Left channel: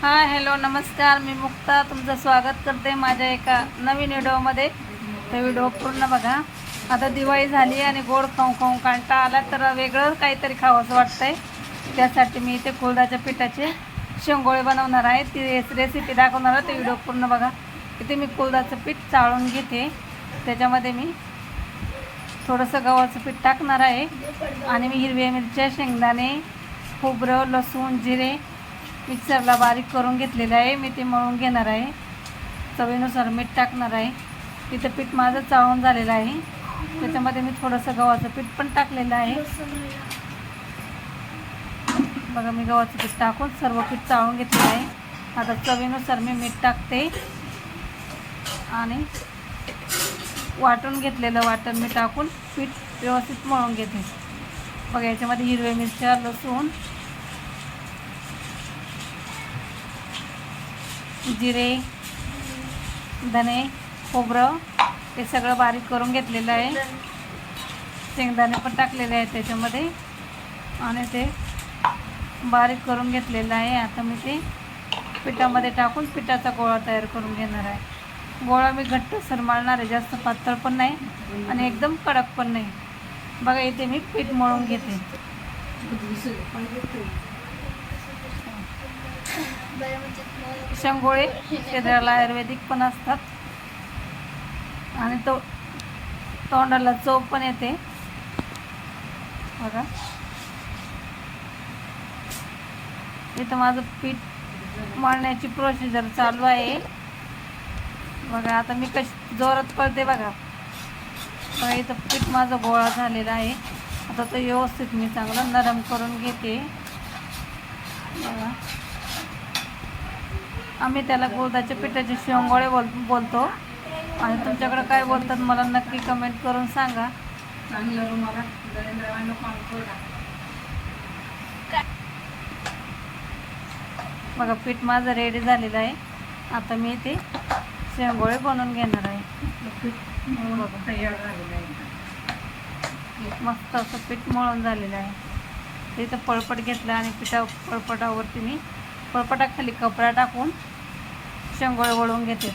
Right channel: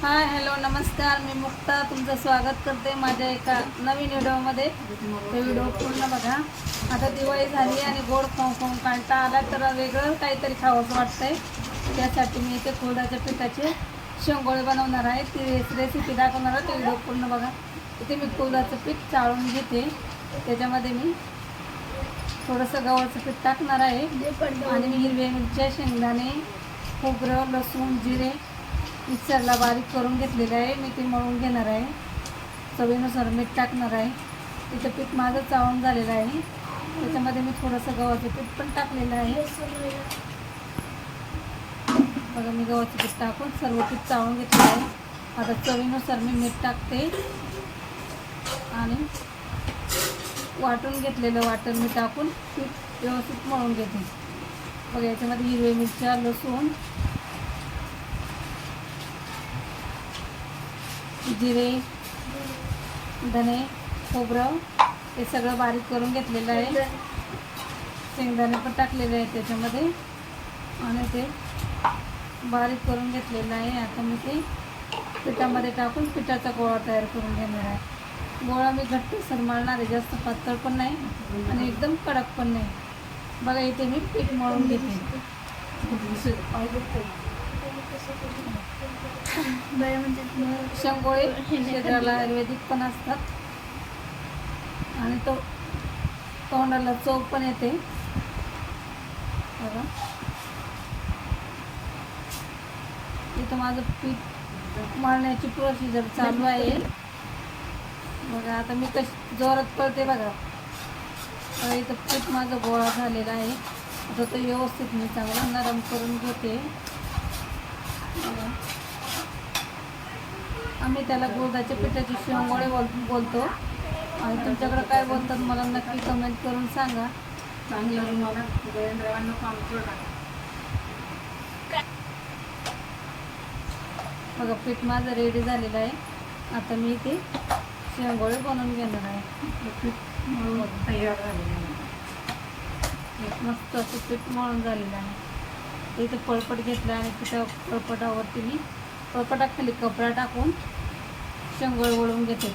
Hi hello नमस्कार. मी मुक्ता. तुमचं स्वागत करते माझ्या एका नवीन व्हिडिओमध्ये. ते व्हिडिओ पूर्ण बघा. आता दिवाळी झाली आणि गोड खाऊ खाऊ कांटा आला तर वेगळं काहीतरी खावंसं वाटतंय. त्यासाठी मी इथे कुळदाच्या पिठाचे शेंगोळे बनवणार आहे. ती रेसिपी दाखवणार आहे. ते व्हिडिओ पूर्ण बघा. इथे मी कुळदाचं पीठ चाळून घेते. त्याच्यामध्ये मी थोडंसं गव्हाचं पीठ टाकणार आहे. आणि मी हिरव्या मिरच्या शेंगदाणे खोबरं लसूण जिरे मिक्सरला बारीक करून घेतलेलं आहे. मी ते मळून घेणार आहे. चवीनुसार मीठ टाकणार आहे. तिथं पीठ माझं चाळून झालेलं आहे. त्याच्यामध्ये मी थोडंसं गव्हाचं पीठ पण टाकलेलं आहे. बघा मी गव्हाचं पीठ टाकून सर्व पीठ चाळून घेतलेलं आहे. आता चवीनुसार मी मीठ टाकते. आणि वाटून घेतलेलं वाटण मी टाकून पीठ व्यवस्थित मळून घेते. बघा याच्यामध्ये हिरव्या मिरच्या लसूण जिरे धने खोबरं हे सगळं बारीक करून घेतलेलं आहे. शेंगदाणे पण टाकलेले आहेत त्याच्यामध्ये. आणि ते बारीक करून घेतलेलं आहे. आता मी ते पिठामध्ये टाकून पिठाचा गोळा तयार करून घेणार आहे. गोळा मी घट्ट सरमाळणार आहे. जास्त पातळ पण नाही आणि एकदम कडक पण नाही. बघा इथे मी पीठ मळून घेते. शंगोळी शरीराला आयुर्वेदिक पण असतात. आणि तो तोंडाला चव पण येते. बघा. इथं माझं पीठ मारण्याची प्रोसिजर चालू आहे. बघा आता मी कशी जोरात पळते बघा. बघा इथं पीठ माझं गोळा झालेला आहे. आता तो व्यवस्थित मी चांगला नरम करून घेते. बघा. आम्ही त्याला गोदाच्या पिठाचे शेंगोळे बोल बोलतो. आणि तुमच्याकडे काय बोलतात मला नक्की कमेंट करून सांगा. चांगलं रुमाला बघा पीठ माझं रेडी झालेलं आहे. आता मी ते शेंगोळे बनवून घेणार आहे. पीठ मळून तयार झालेलं आहे. मस्त असं पीठ मळून झालेलं आहे. ते इथं पळपट घेतलं आणि पिठा पळपटावरती मी पळपटाखाली कपडा टाकून शेंगोळे वळून घेते.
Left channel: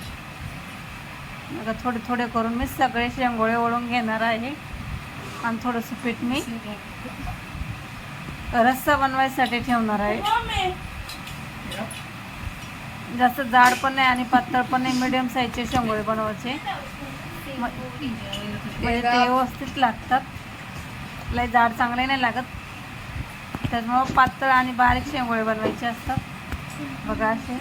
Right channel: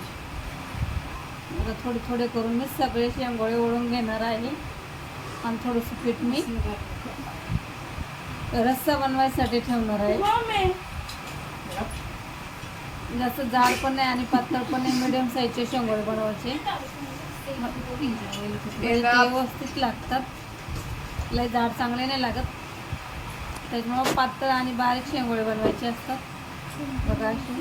आता थोडे थोडे करून मी सगळे शेंगोळे वळून घेणार आहे. आणि थोडंसं पीठ मी रस्सा बनवायसाठी ठेवणार आहे. जास्त जाड पण नाही आणि पातळ पण नाही मिडियम साईजचे शेंगोळे बनवायचे. म्हणजे ते व्यवस्थित लागतात. लय जाड चांगले नाही लागत. त्याच्यामुळं पातळ आणि बारीक शेंगोळे बनवायचे असतात. बघा. असे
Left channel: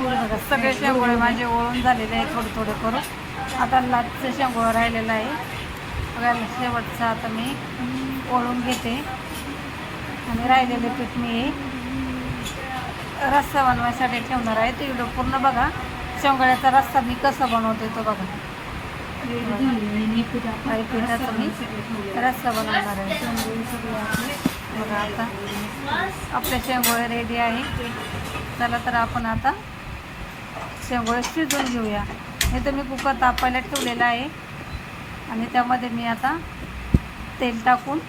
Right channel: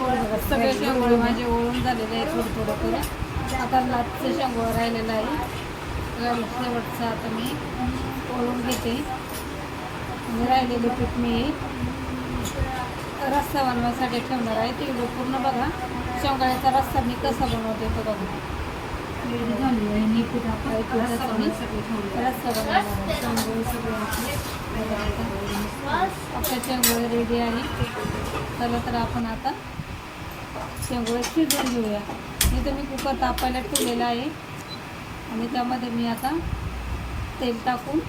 बघा सगळे शेंगोळे माझे ओळून झालेले आहे थोडे थोडे करून. आता लाटचं शेंगोळ राहिलेलं आहे. बघा शेवटचं आता मी ओळून घेते. आणि राहिलेले पीठ मी रस्सा बनवायसाठी ठेवणार आहे. ते पूर्ण बघा. शेंगोळ्याचा रस्सा मी कसा बनवते तो बघा. काही पिठाचा मी रस्सा बनवणार आहे. बघा आता. आपले शेंगोळे रेडी आहे. चला तर आपण आता शेंगोळे शिजवून घेऊया. हे तर मी कुकर तापायला ठेवलेलं आहे. आणि त्यामध्ये मी आता तेल टाकून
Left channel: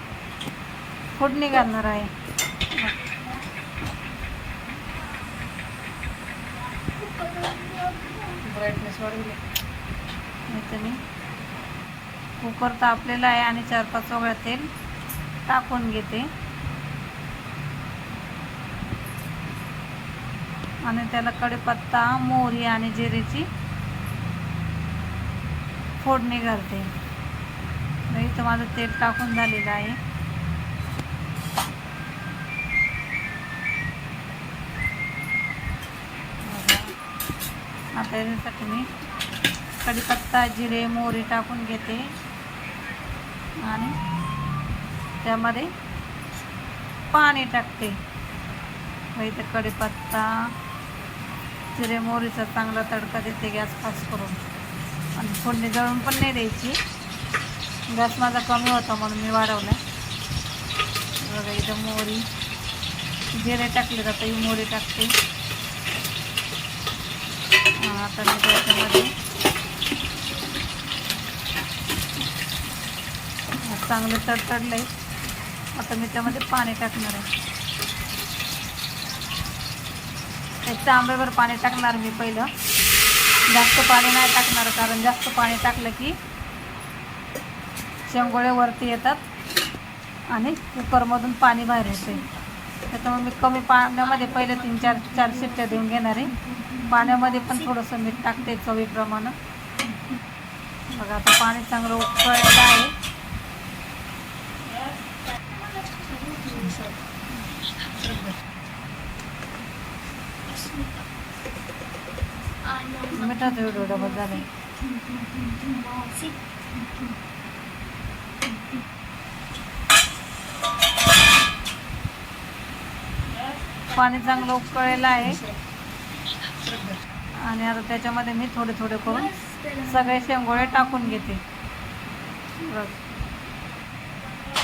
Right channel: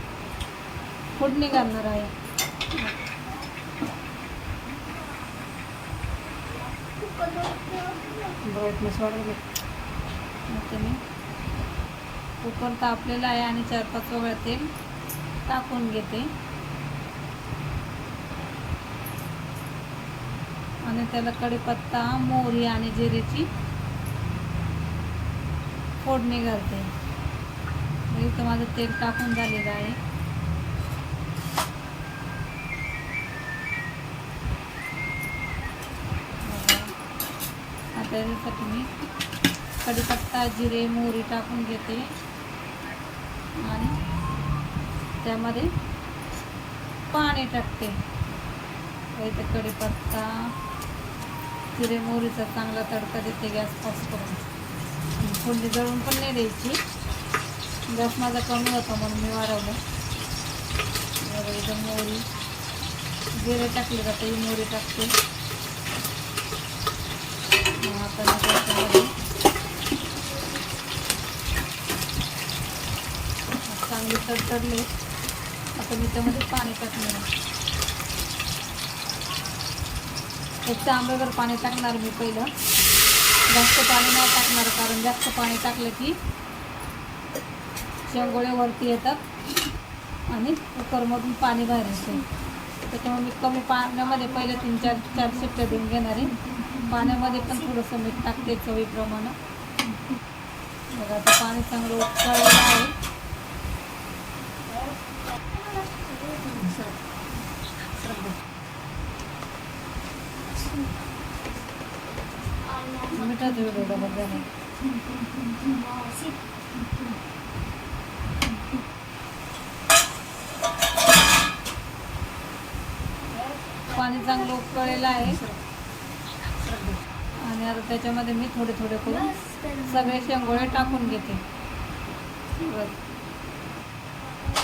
फोडणी घालणार आहे. ब्राईटनेस वाढवली तुम्ही. कुकर तापलेला आहे आणि चार पाच वगळा तेल टाकून घेते. आणि त्याला कढीपत्ता मोहरी आणि जिरेची फोडणी घालते. तर इथं माझं तेल टाकून झालेलं आहे. आता याच्यासाठी मी कढीपत्ता जिरे मोहरी टाकून घेते. आणि त्यामध्ये पाणी टाकते. इथे कढीपत्ता जिरे मोहरीचा चांगला तडका देते गॅस फास्ट करून. आणि फोडणी जळून पण नाही द्यायची. गॅस माझा कमी होता म्हणून मी वाढवला बघा इथं मोहरी जिरे टाकले जातं ही मोहरी टाकते. आता मी त्याच्यामध्ये चांगले तडतडले आता मी त्यामध्ये पाणी टाकणार आहे. एक तांब्यावर पाणी टाकणार मी पहिलं. जास्त पाणी नाही टाकणार कारण जास्त पाणी टाकलं की शेंगोळ्या वरती येतात आणि कुकरमधून पाणी बाहेर येते. त्याच्यामुळे मी कमी पाण्यामध्ये पहिले तीन चार चार शिट्ट्या देऊन घेणार आहे. पाण्यामध्ये पण थोडंसं मीठ टाकते चवीप्रमाणे. बघा आता पाणी चांगलं उकळलेलं आहे. मिठाचा व्हिडिओ डबल झालाय पाणी चांगलं उकळलेलं आहे. आणि आता त्याच्यामध्ये मी थोडे थोडे करून सगळे शेंगोळे टाकून घेते. बघ.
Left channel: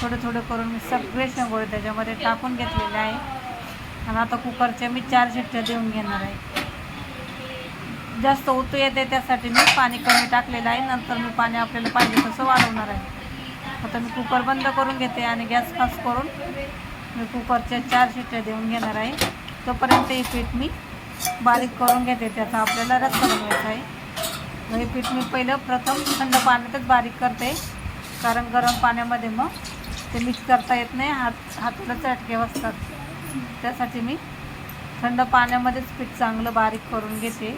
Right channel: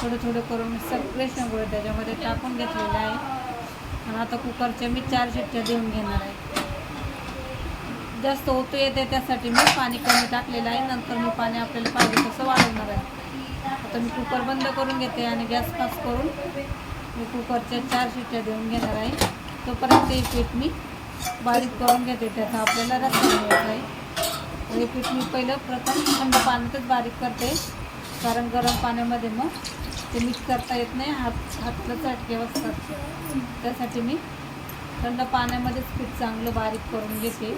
थोडे थोडे करून मी सगळे शेंगोळे त्याच्यामध्ये टाकून घेतलेले आहे. आणि आता कुकरच्या मी चार शिट्ट्या देऊन घेणार आहे. जास्त ओतू येते त्यासाठी मी पाणी कमी टाकलेलं आहे. नंतर मी पाणी आपल्याला पाहिजे तसं वाढवणार आहे. आता मी कुकर बंद करून घेते आणि गॅस खास करून मी कुकरच्या चार शिट्ट्या देऊन घेणार आहे. तोपर्यंत हे पीठ मी बारीक करून घेते. त्याचा आपल्याला रस्ता बनवायचा आहे. हे पीठ मी पहिलं प्रथम थंड पाण्यातच बारीक करते. कारण गरम पाण्यामध्ये मग ते मिक्स करता येत नाही. हात हाताला चटके बसतात त्यासाठी मी थंड पाण्यामध्येच पीठ चांगलं बारीक करून घेते.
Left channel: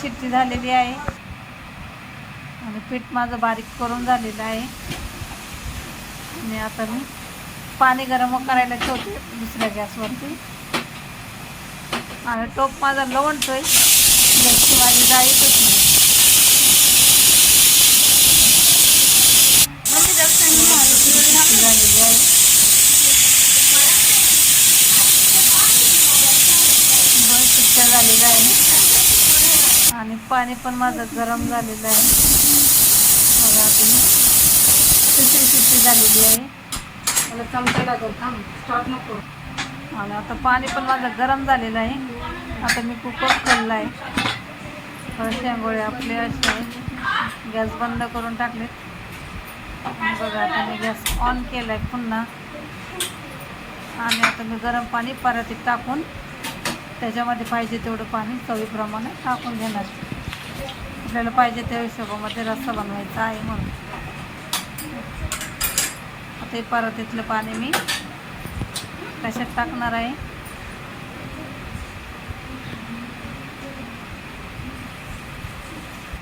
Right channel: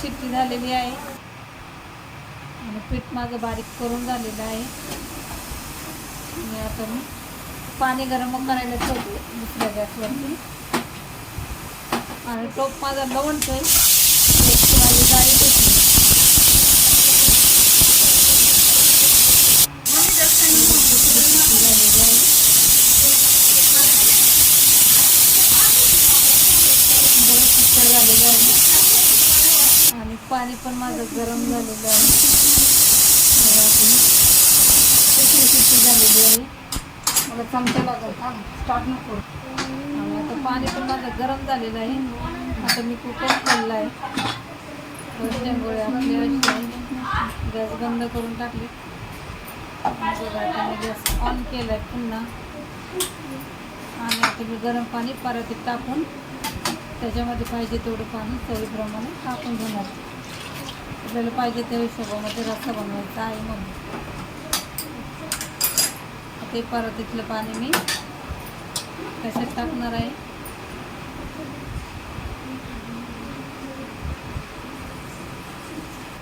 चिट्टी झालेली आहे. आणि पीठ माझं बारीक करून झालेलं आहे. आणि आता मी पाणी गरम करायला ठेवते दुसऱ्या गॅसवरती. आणि टोप माझा लवणतोय. गॅसची माझी जाळीच होती. चिट्टी झालेली आहे. बरं चिट्ट्या झालेलं आहे आणि पाणी पण माझं गरम झालेलं आहे. बघा तुम्ही तिसरी शिट्टी झालेली आहे. चमचा स्टॉप नको. आणि आता पाणी पण माझं गरम झालेलं आहे. आता मी कुकर खोलला आहे. शेंगोळे आपले असे गॅस बंद करून टाकले. बघा आता मी गॅस ऑन केला आहे पुन्हा. आणि आता मी गरम पाणी परातीत टाकून त्याच्यामध्ये पाहिजे तेवढं पाणी चवीप्रमाणे टाकून घेणार. आहे. आपल्याला पाहिजे त्या हिशोबामध्ये रस्सा बनवायचा आहे म्हणून. आता हे परातीतलं पाणी मी कशात टाकणार आहे?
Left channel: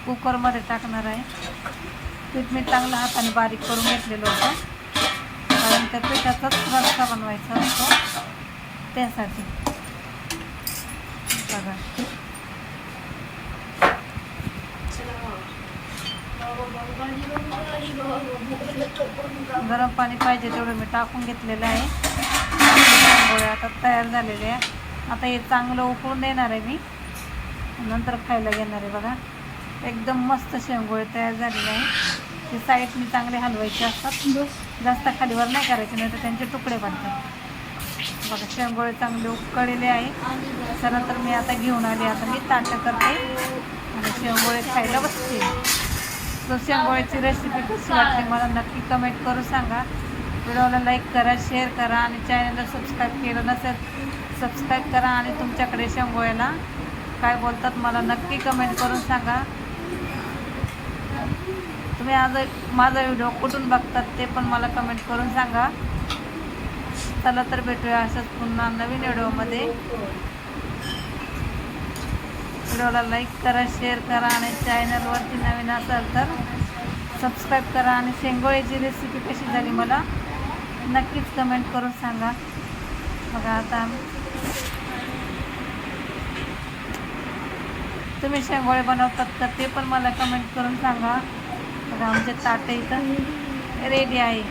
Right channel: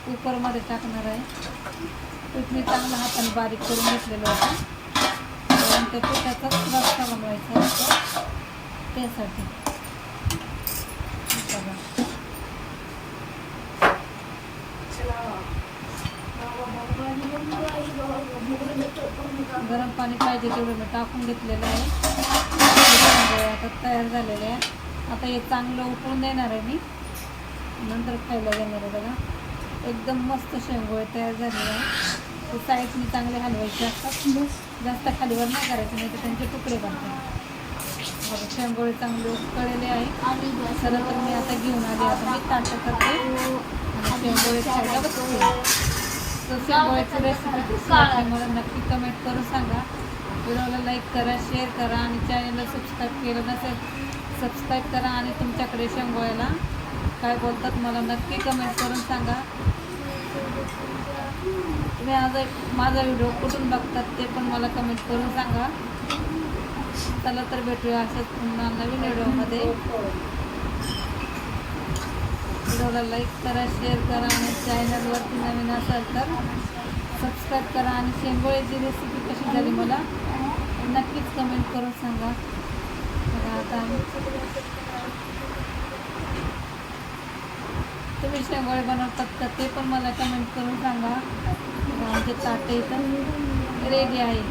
कुकरमध्ये टाकणार आहे. पीठ मी चांगलं हाताने बारीक करून घेतलेलं होतं. कारण त्या पिठाचाच रस्ता बनवायचा असतो त्यासाठी. बघा. गरम पाणी पाहिजे तेवढं मी टाकून घेतलेलं आहे. आता तयार झालेले आहे आता हे चांगलं उकळून देणार आहे मी. नंतर खायला घेणार आहे बघा. एकदम मस्त शेंगोळे तयार झालेले आहे ते साईड मी चांगले हलवायचे असतात. जास्त खालीवर नाही करायचे नाही तर त्यांचे तुकडे बनतात. बघा शेंगोळे चांगले उकळलेले आहे. खरं तर मी आता घेऊन आली. आता मी ताटं करते. आणि शेंगोळे खायला बसते. तर शेंगोळ्याची रेसिपी कशी वाटली मला नक्की कमेंट करून सांगा. व्हिडिओला लाईक करा शेअर करा आणि चॅनलला सबस्क्राईब केलं नसेल सबस्क्राईब करा आणि तुमच्याकडे शेंगोळ्याला काय बोलतात मला नक्की कमेंट करून सांगा. तुम्ही आज माझा व्हिडिओ कुठून बघतात ते पण मला कमेंट करून सांगा. चला तर भेटूया असंच पुन्हा नवीन व्हिडिओमध्ये व्हिडिओला लाईक करा शेअर करा आणि चॅनलवरती नवीन असाल तर सबस्क्राईब करा. आणि शेंगोळ्याची रेसिपी कशी झाली मला नक्कीच कमेंट करून सांगा. बघा आता. तुम्ही शेंगोळे बनवतात का ते पण मला कमेंट करून सांगा. बघा आमचे ताटे इथं रेडी आहे.